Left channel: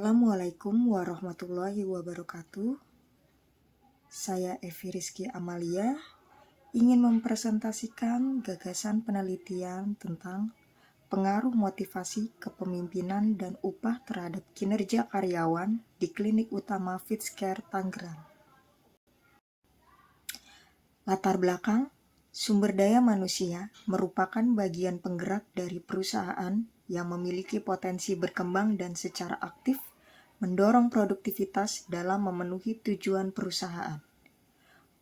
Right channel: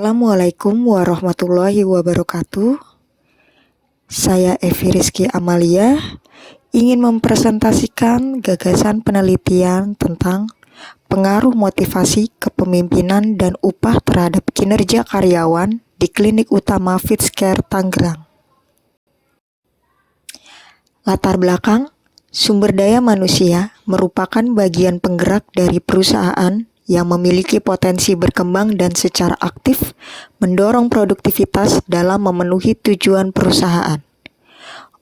Assalamualaikum warahmatullahi wabarakatuh. Saya Evi Rizky Amalia ingin mempresentasikan gagasan penelitian tentang pengaruh motivasi kepemimpinan dan upah terhadap kinerja karyawan di Klinik Utama Fitz-Care Tangerang. Latar belakang, sumber daya manusia merupakan bagian penggerak dari perusahaan yang memiliki potensi berkembang dan secara aktif mendorong produktivitas dalam memenuhi tujuan perusahaan.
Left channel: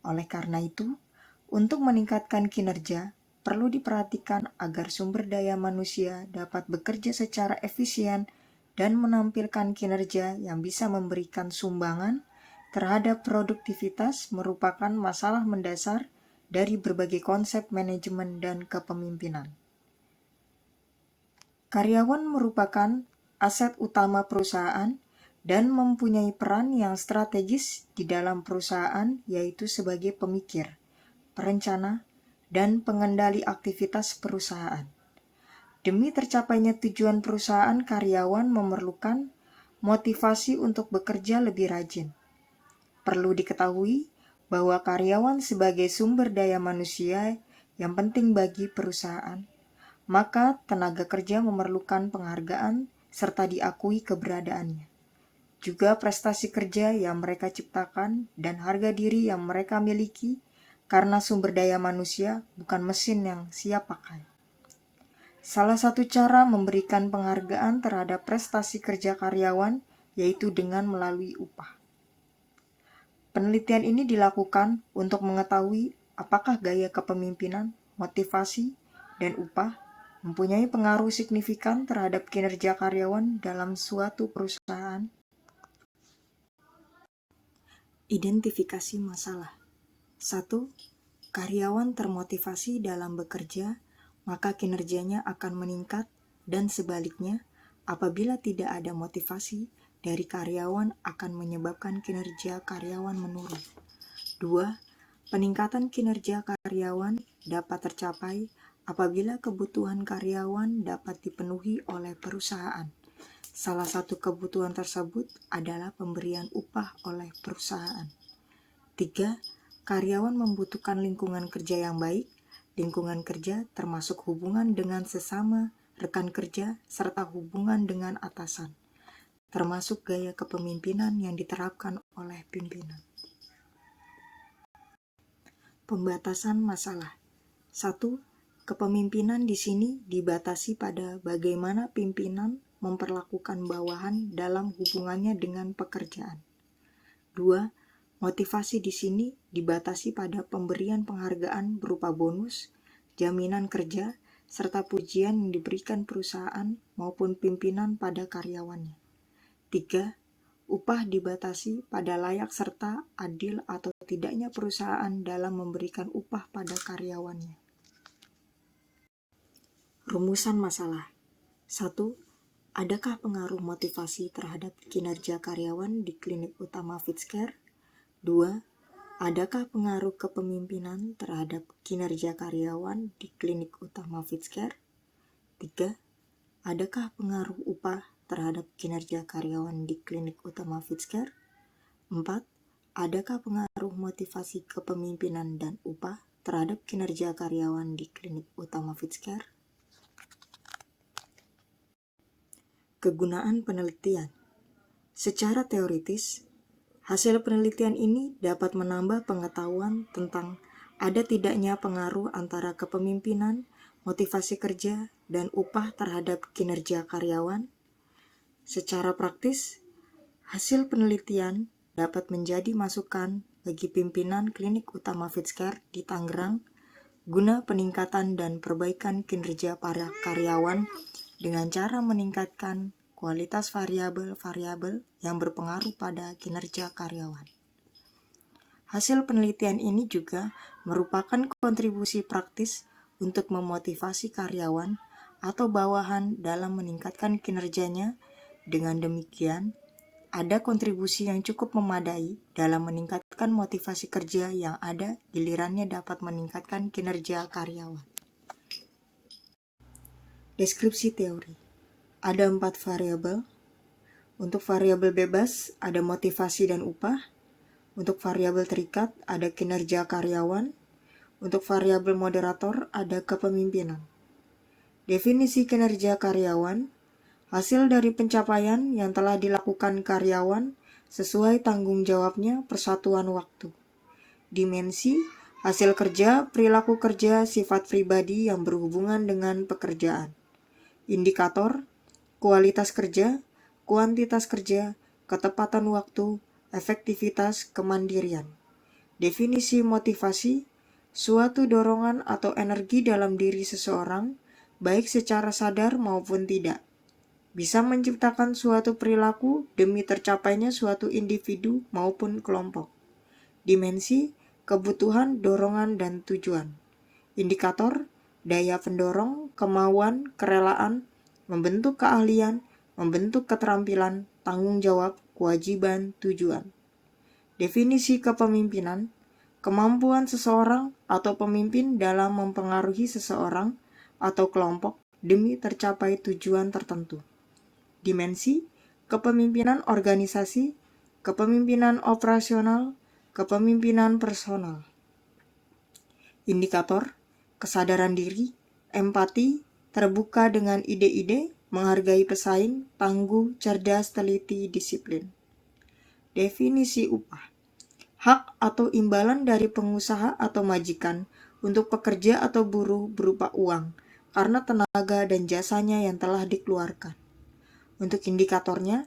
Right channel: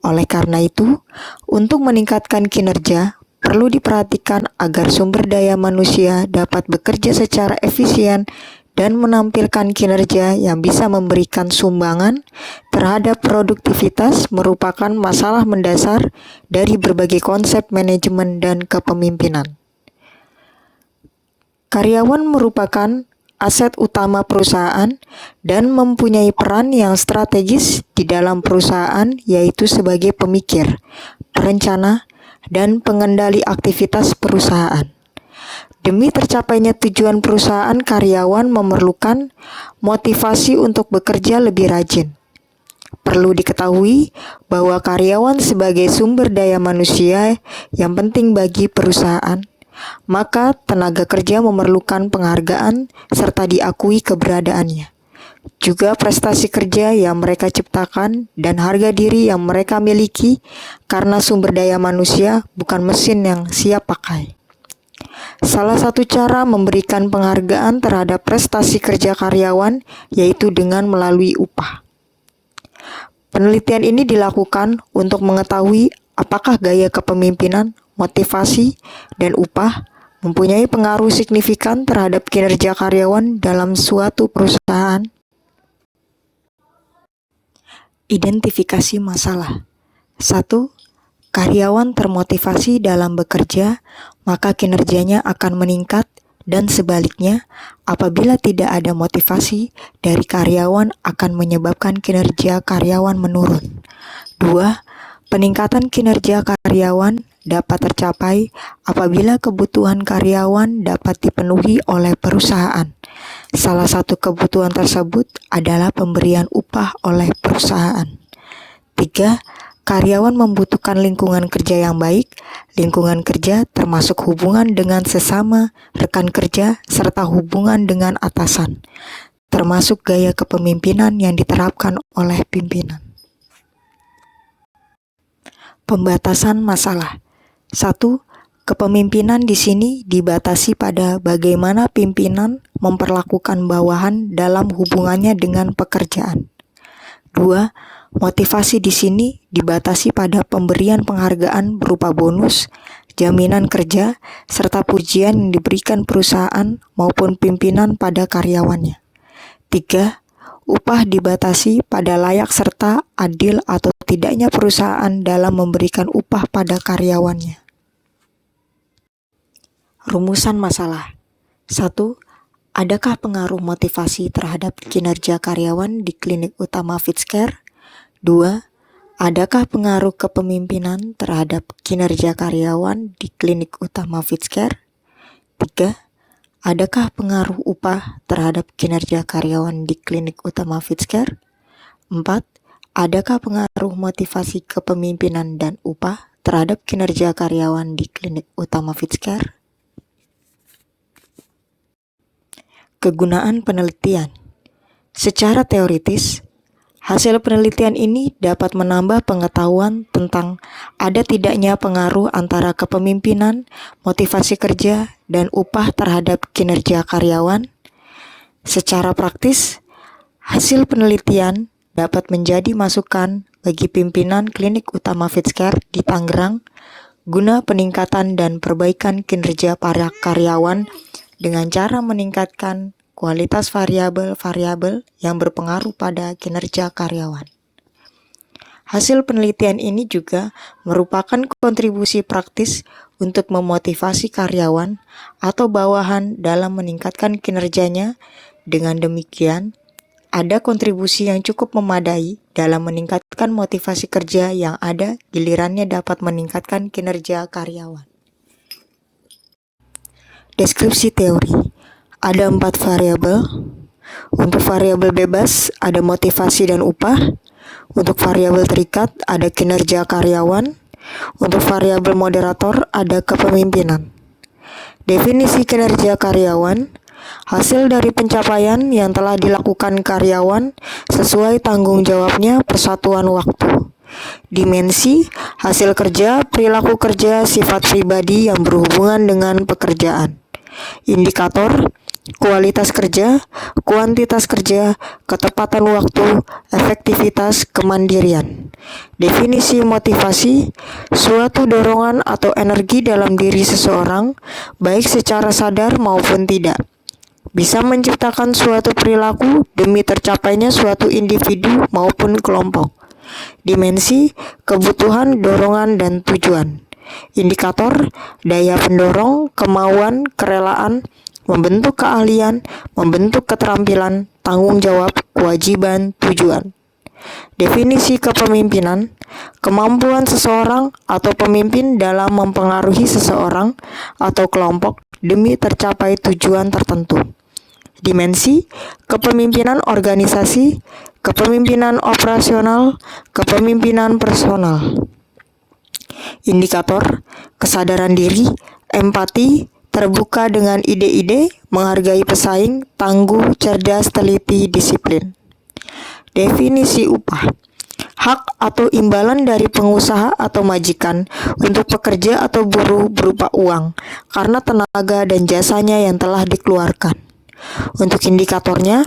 Oleh karena itu, untuk meningkatkan kinerja, perlu diperhatikan agar sumber daya manusia dapat bekerja secara efisien dan menampilkan kinerja yang bisa memberikan sumbangan terhadap produktivitas merupakan masalah mendasar dari berbagai konsep manajemen dan kepemimpinan. Karyawan merupakan aset utama perusahaan dan mempunyai peran yang strategis di dalam perusahaan, yaitu sebagai pemikir, perencana, dan pengendali aktivitas perusahaan. Demi tercapainya tujuan perusahaan, karyawan memerlukan motivasi untuk bekerja lebih rajin. Perlu diketahui bahwa karyawan sebagai sumber daya manusia yang penting bagi perusahaan, maka tenaga kerja memerlukan penghargaan serta diakui keberadaannya. Juga prestasi kerja yang mereka ciptakan dan harga diri yang mereka miliki, karena sumber daya manusia bukan mesin yang siap pakai. Salah satu cara memberikan penghargaan terhadap prestasi kerja karyawan yaitu dengan melalui upah. Penelitian ini dilakukan untuk mengetahui apakah gaya kepemimpinan, motivasi, dan upah mempunyai pengaruh signifikan terhadap kinerja karyawan dalam suatu perusahaan. Identifikasi masalah. 1. Karyawan termotivasi dalam bekerja, maka kinerjanya akan meningkat, dan sebaliknya, apabila tidak ada motivasi dari karyawan akan menyebabkan kinerja karyawan menurun. 2. Peningkatan kinerja karyawan dapat tercapai apabila kebutuhan karyawan dapat dipenuhi oleh perusahaan. Salah satu kebutuhan tersebut adalah pemberian upah oleh perusahaan. 3. Karyawan membutuhkan lingkungan kerja yang baik. Lingkungan kerja termasuk hubungan dengan sesama rekan kerja serta hubungan dengan atasan, termasuk gaya kepemimpinan yang diterapkan oleh pimpinan. Pembatasan masalah. 1. Kepemimpinan di sini dibatasi pada bagaimana pimpinan memperlakukan bawahan dalam hubungannya dengan pekerjaan. 2. Motivasi di sini dibatasi pada pemberian penghargaan berupa bonus, jaminan kerja, serta pujian yang diberikan perusahaan maupun pimpinan pada karyawannya. 3. Upah dibatasi pada layak serta adil atau tidaknya perusahaan dalam memberikan upah pada karyawannya. Rumusan masalah. 1. Adakah pengaruh motivasi terhadap kinerja karyawan di Klinik Utama Fitz-Care? 2. Adakah pengaruh kepemimpinan terhadap kinerja karyawan di Klinik Utama Fitz-Care? 3. Adakah pengaruh upah terhadap kinerja karyawan di Klinik Utama Fitz-Care? 4. Adakah pengaruh motivasi kepemimpinan dan upah terhadap kinerja karyawan di Klinik Utama Fitz-Care? Kegunaan penelitian. Secara teoritis, hasil penelitian ini dapat menambah pengetahuan tentang ada tidaknya pengaruh antara kepemimpinan, motivasi kerja, dan upah terhadap kinerja karyawan. Secara praktis, hasil penelitian dapat menjadi masukan bagi pimpinan Klinik Utama Fitz-Care di Tangerang guna peningkatan dan perbaikan kinerja para karyawan dengan cara meningkatkan kualitas variabel-variabel yang berpengaruh pada kinerja karyawan. Hasil penelitian ini juga merupakan kontribusi praktis untuk memotivasi karyawan atau bawahan dalam meningkatkan kinerjanya. Dengan demikian, ada kontribusi yang cukup memadai dalam meningkatkan motivasi kerja yang ada, gilirannya dapat meningkatkan kinerja karyawan. Deskripsi teori. Ada 4 variabel. Untuk variabel bebas ada motivasi dan upah. Untuk variabel terikat ada kinerja karyawan. Untuk variabel moderator ada kepemimpinan. Definisi kinerja karyawan, hasil dari pencapaian yang telah dilakukan karyawan sesuai tanggung jawabnya per satuan waktu. Dimensi, hasil kerja, perilaku kerja, sifat pribadi yang berhubungan dengan pekerjaan. Indikator, kualitas kerja, kuantitas kerja, ketepatan waktu, efektivitas, kemandirian. Definisi motivasi, suatu dorongan atau energi dalam diri seseorang, baik secara sadar maupun tidak, bisa menciptakan suatu perilaku demi tercapainya suatu individu maupun kelompok. Dimensi, kebutuhan, dorongan, dan tujuan. Indikator, daya pendorong, kemauan, kerelaan, membentuk keahlian, membentuk keterampilan, tanggung jawab, kewajiban, tujuan. Definisi kepemimpinan, kemampuan seseorang atau pemimpin dalam mempengaruhi seseorang atau kelompok demi tercapai tujuan tertentu. Dimensi, kepemimpinan organisasi, kepemimpinan operasional, kepemimpinan personal. Indikator, kesadaran diri, empati, terbuka dengan ide-ide, menghargai pesaing, tangguh, cerdas, teliti, disiplin. Definisi upah, hak atau imbalan dari pengusaha atau majikan untuk pekerja atau buruh berupa uang karena tenaga dan jasanya yang telah dikeluarkan. Untuk indikatornya,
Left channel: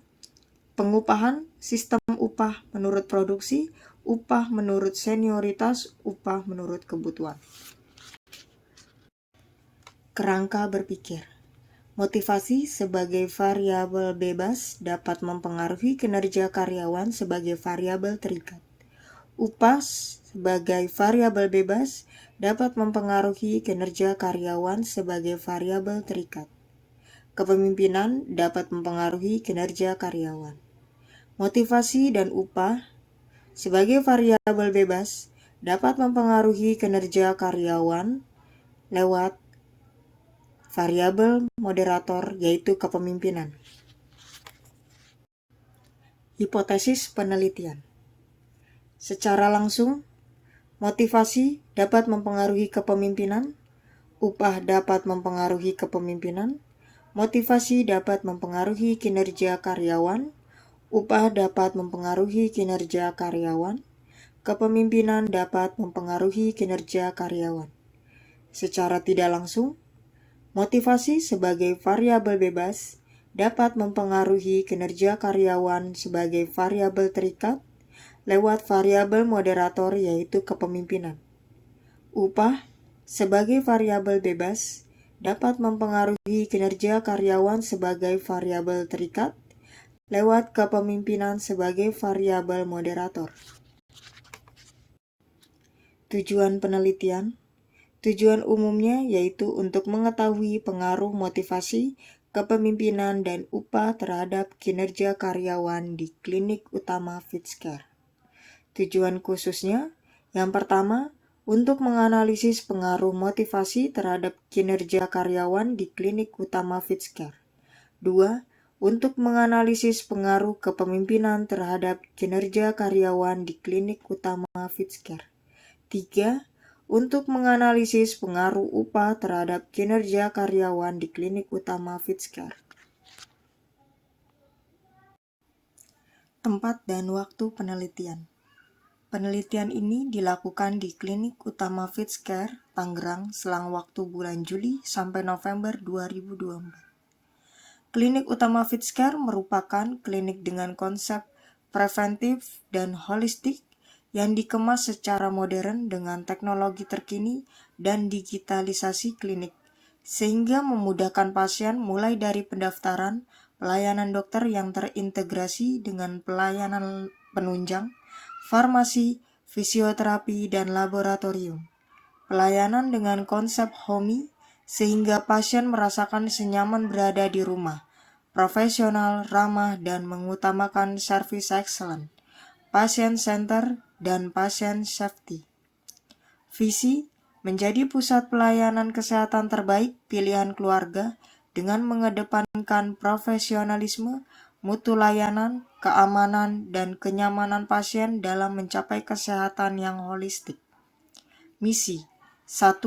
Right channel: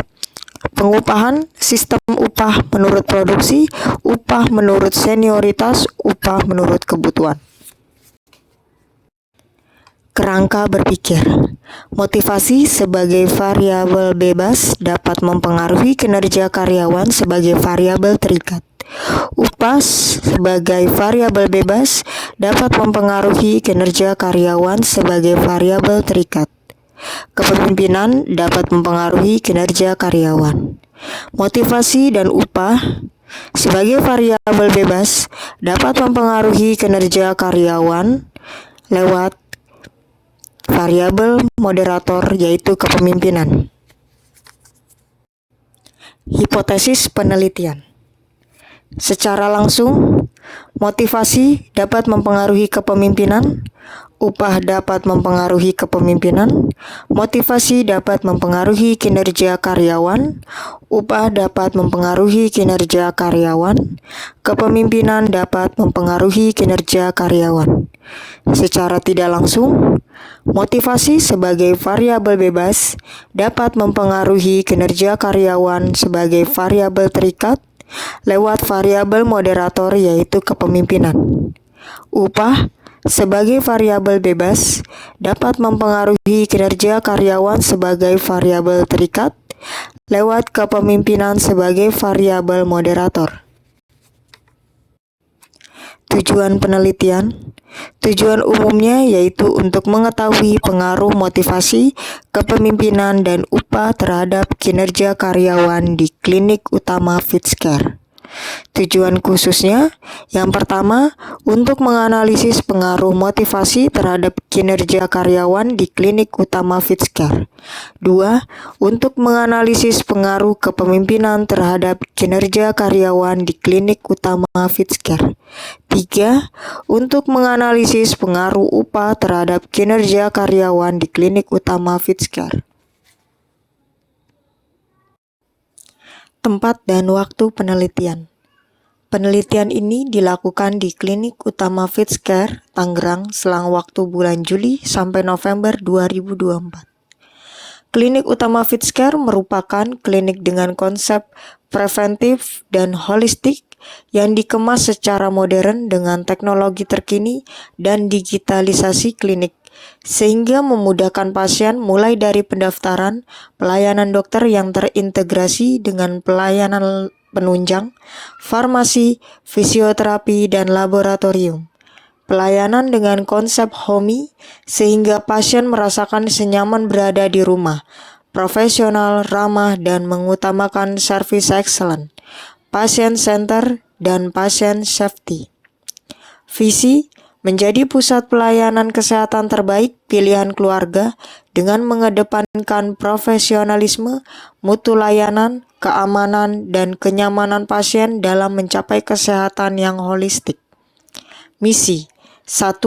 pengupahan, sistem upah menurut produksi, upah menurut senioritas, upah menurut kebutuhan. Kerangka berpikir. Motivasi sebagai variabel bebas dapat mempengaruhi kinerja karyawan sebagai variabel terikat. Upah sebagai variabel bebas dapat mempengaruhi kinerja karyawan sebagai variabel terikat. Kepemimpinan dapat mempengaruhi kinerja karyawan. Motivasi dan upah sebagai variabel bebas dapat mempengaruhi kinerja karyawan lewat variabel moderator, yaitu kepemimpinan. Hipotesis penelitian. Secara langsung, motivasi dapat mempengaruhi kepemimpinan, upah dapat mempengaruhi kepemimpinan, motivasi dapat mempengaruhi kinerja karyawan, upah dapat mempengaruhi kinerja karyawan, kepemimpinan dapat mempengaruhi kinerja karyawan. Secara tidak langsung, motivasi sebagai variabel bebas dapat mempengaruhi kinerja karyawan sebagai variabel terikat lewat variabel moderator, yaitu kepemimpinan. Upah sebagai variabel bebas dapat mempengaruhi kinerja karyawan sebagai variabel terikat lewat kepemimpinan sebagai variabel moderator. Tujuan penelitian. Tujuan umumnya yaitu untuk mengetahui pengaruh motivasi, kepemimpinan, dan upah terhadap kinerja karyawan di klinik utama Fitchcare. Tujuan khususnya, yang pertama, untuk menganalisis pengaruh motivasi terhadap kinerja karyawan di klinik utama Fitchcare. 2. Untuk menganalisis pengaruh kepemimpinan terhadap kinerja karyawan di klinik utama Fitchcare. 3. Untuk menganalisis pengaruh upah terhadap kinerja karyawan di klinik utama Fitchcare. Tempat dan waktu penelitian. Penelitian ini dilakukan di Klinik Utama Fitchcare, Tangerang, selang waktu bulan Juli sampai November 2024. Klinik Utama Fitchcare merupakan klinik dengan konsep preventif dan holistik yang dikemas secara modern dengan teknologi terkini dan digitalisasi klinik, sehingga memudahkan pasien mulai dari pendaftaran, pelayanan dokter yang terintegrasi dengan pelayanan penunjang, farmasi, fisioterapi, dan laboratorium. Pelayanan dengan konsep homey, sehingga pasien merasakan senyaman berada di rumah, profesional, ramah, dan mengutamakan service excellent, patient center, dan patient safety. Visi, menjadi pusat pelayanan kesehatan terbaik pilihan keluarga dengan mengedepankan profesionalisme, mutu layanan, keamanan, dan kenyamanan pasien dalam mencapai kesehatan yang holistik. Misi 1.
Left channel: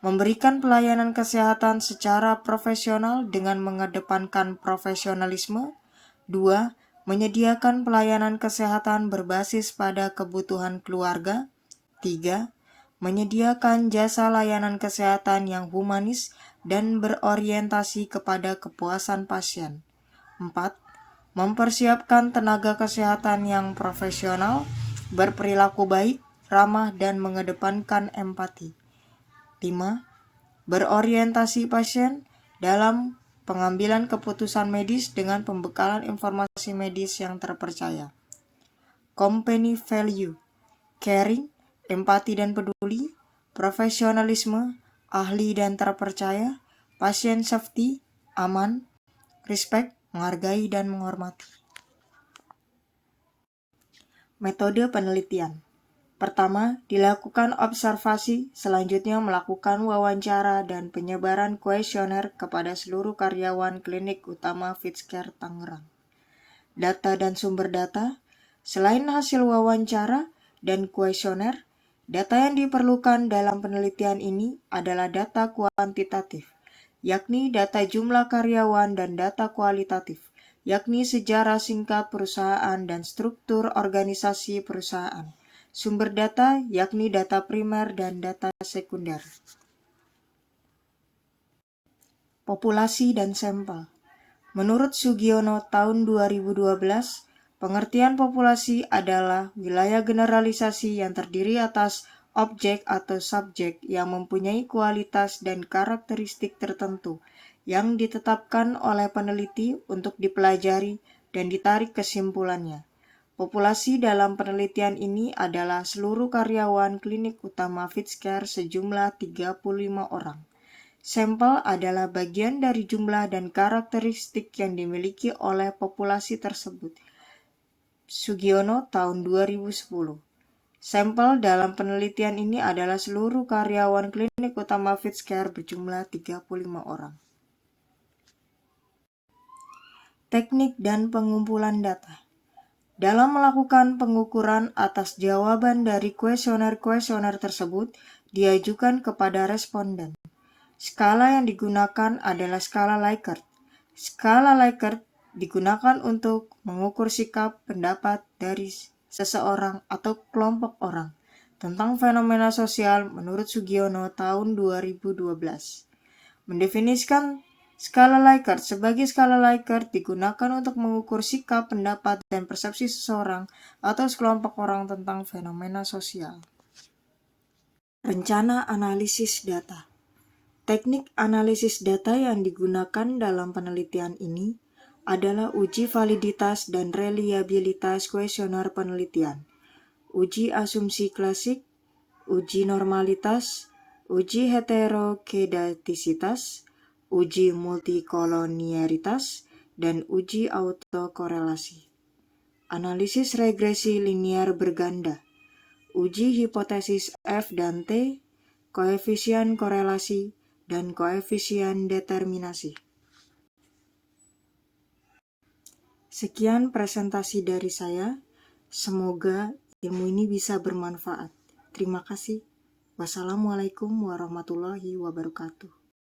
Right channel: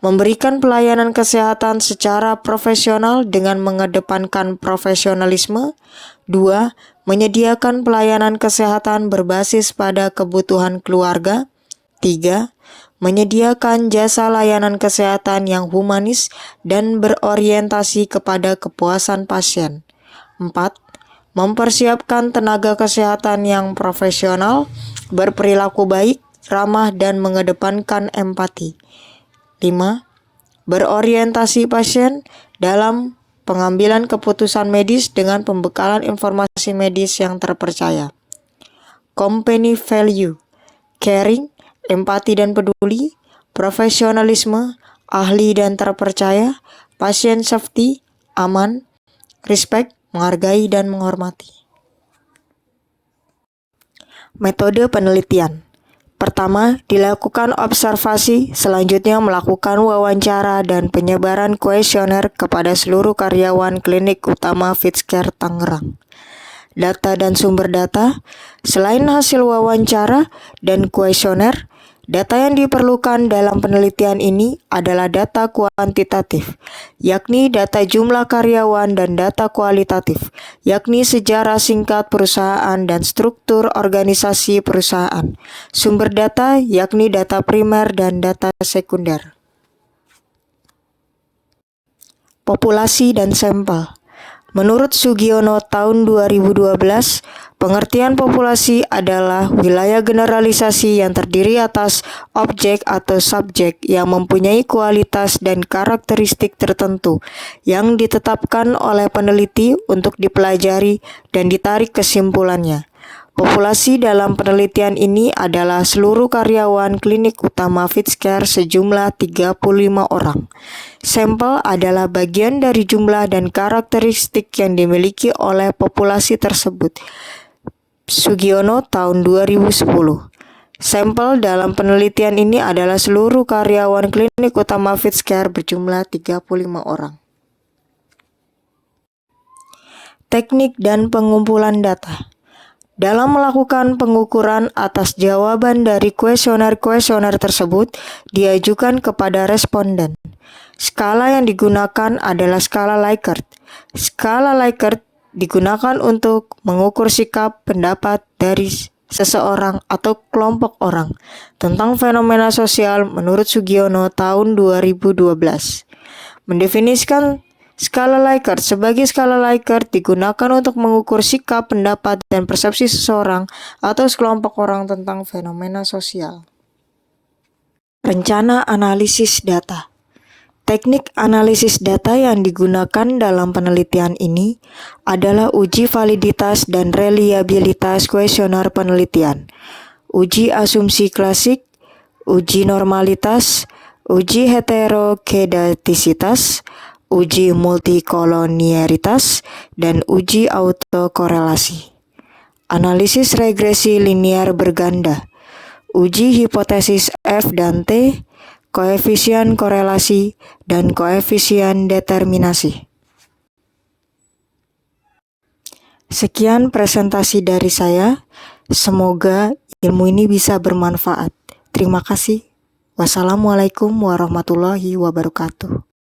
Memberikan pelayanan kesehatan secara profesional dengan mengedepankan profesionalisme. 2. Menyediakan pelayanan kesehatan berbasis pada kebutuhan keluarga. 3. Menyediakan jasa layanan kesehatan yang humanis dan berorientasi kepada kepuasan pasien. 4. Mempersiapkan tenaga kesehatan yang profesional, berperilaku baik, ramah, dan mengedepankan empati. 5. Berorientasi pasien dalam pengambilan keputusan medis dengan pembekalan informasi medis yang terpercaya. Company value, caring, empati dan peduli, profesionalisme, ahli dan terpercaya, pasien safety, aman, respect, menghargai dan menghormati. Metode penelitian. Pertama, dilakukan observasi, selanjutnya melakukan wawancara dan penyebaran kuesioner kepada seluruh karyawan klinik utama Fitchcare Tangerang. Data dan sumber data. Selain hasil wawancara dan kuesioner, data yang diperlukan dalam penelitian ini adalah data kuantitatif, yakni data jumlah karyawan, dan data kualitatif, yakni sejarah singkat perusahaan dan struktur organisasi perusahaan. Sumber data yakni data primer dan data sekunder. Populasi dan sampel. Menurut Sugiono tahun 2012, pengertian populasi adalah wilayah generalisasi yang terdiri atas objek atau subjek yang mempunyai kualitas dan karakteristik tertentu yang ditetapkan oleh peneliti untuk dipelajari dan ditarik kesimpulannya. Populasi dalam penelitian ini adalah seluruh karyawan klinik utama Fitchcare sejumlah 35 orang. Sampel adalah bagian dari jumlah dan karakteristik yang dimiliki oleh populasi tersebut. Sugiono tahun 2010. Sampel dalam penelitian ini adalah seluruh karyawan klinik utama Fitchcare berjumlah 35 orang. Teknik dan pengumpulan data. Dalam melakukan pengukuran atas jawaban dari kuesioner-kuesioner tersebut diajukan kepada responden. Skala yang digunakan adalah skala Likert. Skala Likert digunakan untuk mengukur sikap pendapat dari seseorang atau kelompok orang tentang fenomena sosial menurut Sugiono tahun 2012. Mendefinisikan skala Likert sebagai skala Likert digunakan untuk mengukur sikap, pendapat, dan persepsi seseorang atau sekelompok orang tentang fenomena sosial. Rencana analisis data. Teknik analisis data yang digunakan dalam penelitian ini adalah uji validitas dan reliabilitas kuesioner penelitian, uji asumsi klasik, uji normalitas, uji heterokedastisitas, uji multikolonialitas, dan uji autokorelasi. Analisis regresi linear berganda, uji hipotesis F dan T, koefisien korelasi, dan koefisien determinasi. Sekian presentasi dari saya. Semoga ilmu ini bisa bermanfaat. Terima kasih. Wassalamualaikum warahmatullahi wabarakatuh.